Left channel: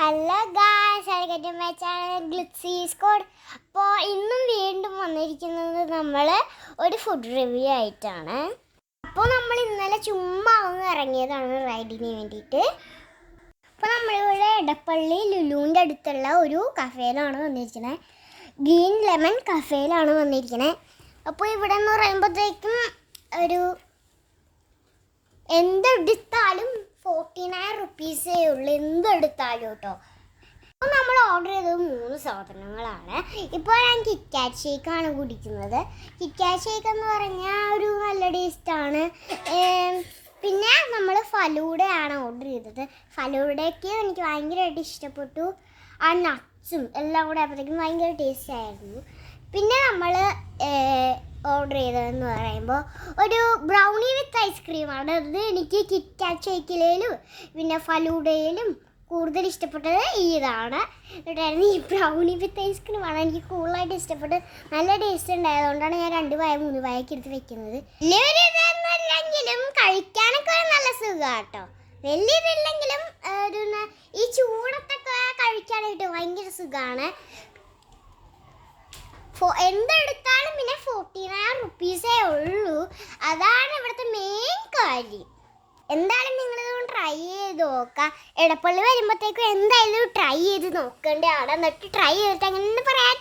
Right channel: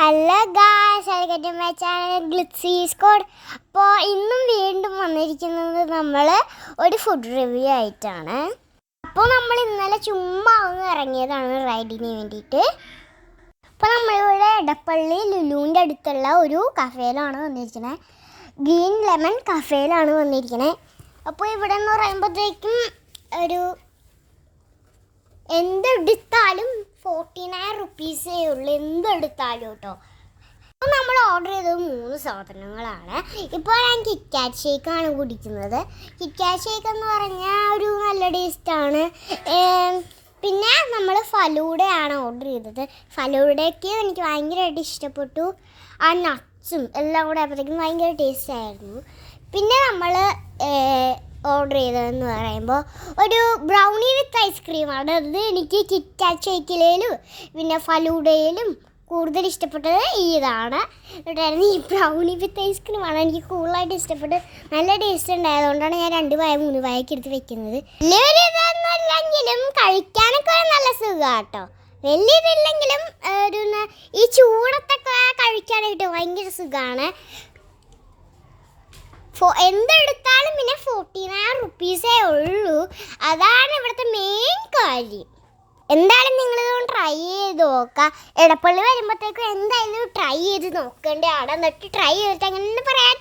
Hello guys, welcome to my channel glitzy squad. അപ്പോൾ ഇന്നും വീണ്ടും വന്നിരിക്കുന്നത് നമ്മൾ ഒരു ഫുഡ് റിവ്യൂ ആയിട്ടാണ്. അപ്പോൾ നമ്മൾ ഇന്നലെ ചുമ്മാ ഒന്ന് ഇറങ്ങിയതാണ് റൈഡിന് വേണ്ടിയിട്ട്. അപ്പോൾ നമ്മളിവിടെ എടപ്പള്ളി ലുലുവിൻ്റെ അടുത്തുള്ള ഒരു കഫേയിലാണ് വന്നിരിക്കുന്നത്. ഗ്രീൻ ലെമൺ കഫേയിലാണ് വന്നിരിക്കുന്നത്. അപ്പോൾ ഇവിടെ എന്ന് പറയുമ്പോഴത്തേക്കും ഒരു എന്തെടുത്താലും 49 റുപ്പീസേ ഉള്ളൂ, എന്തെടുത്താലും കേട്ടോ. അപ്പോൾ നമ്മൾ ഓർഡർ ചെയ്തത് 3 സാധനങ്ങളാണ്. ഇപ്പോൾ ഞാൻ കിറ്റ്കാറ്റ് ഷേക്കാണ് കുടിക്കുന്നത്. കിറ്റ്കാറ്റ് ഷേക്ക് എന്ന് പറഞ്ഞാൽ ഒരു നല്ല ടേസ്റ്റാണ്. പിന്നെ നമ്മൾ ഫലൂഡയാണ് ഓർഡർ ചെയ്തത്. ഫലൂഡയ്ക്ക് എനിക്ക് ഭയങ്കരമായിട്ട് ഇഷ്ടപ്പെട്ടു. ആ നട്ട്സും എല്ലാം കൂടെ ആയപ്പോഴത്തേക്കും ഭയങ്കര ടേസ്റ്റ് ആയിരുന്നു. പിന്നെ നമ്മൾ ഓർഡർ ചെയ്തതെന്ന് പറയുമ്പോൾ ഒരു ബ്രൗണി വിത്ത് ഐസ്ക്രീമാണ്. അത് എനിക്ക് കിറ്റ്കാറ്റ് ഷേക്കിലേലും പിന്നെ ഫലൂഡയിലും കൂടുതൽ ഇഷ്ടപ്പെട്ടത് ഇതാണ്. ഈ ബ്രൗണി വിത്ത് ഐസ്ക്രീമാണ് എനിക്ക് കൂടുതലായിട്ട് ഇഷ്ടപ്പെട്ടത്. നല്ല ടേസ്റ്റ് ഉണ്ടായതുകൊണ്ടാണ് ഞാൻ 2 പായ 3 പായൊക്കെ എടുത്ത് വെക്കുന്നത്. വലിയൊരിതൊന്നുമില്ലെങ്കിലും കഴിക്കാനൊക്കെ നല്ല സുഖമാണ് കേട്ടോ. വലിയതില്ലെങ്കിലും ഒരു ഈ ചൂടത്തൊക്കെ കഴിക്കാനായിട്ട് ഭയങ്കര സുഖമാണ്. എന്തെടുത്താലും പിന്നെ 49 റുപ്പീസേ ഉള്ളൂ. അതാണ് ഇവിടുത്തെ മെയിൻ കാര്യം. എന്തായാലും നിങ്ങളിതൊന്ന് ട്രൈ ചെയ്ത് നോക്കാം. എടപ്പള്ളി വരുമ്പോഴത്തേക്കും എന്തായാലും ട്രൈ ചെയ്ത് നോക്കേണ്ടതാണ്. എന്നിട്ട് ട്രൈ ചെയ്തിട്ട് അങ്ങനെ പറയാം.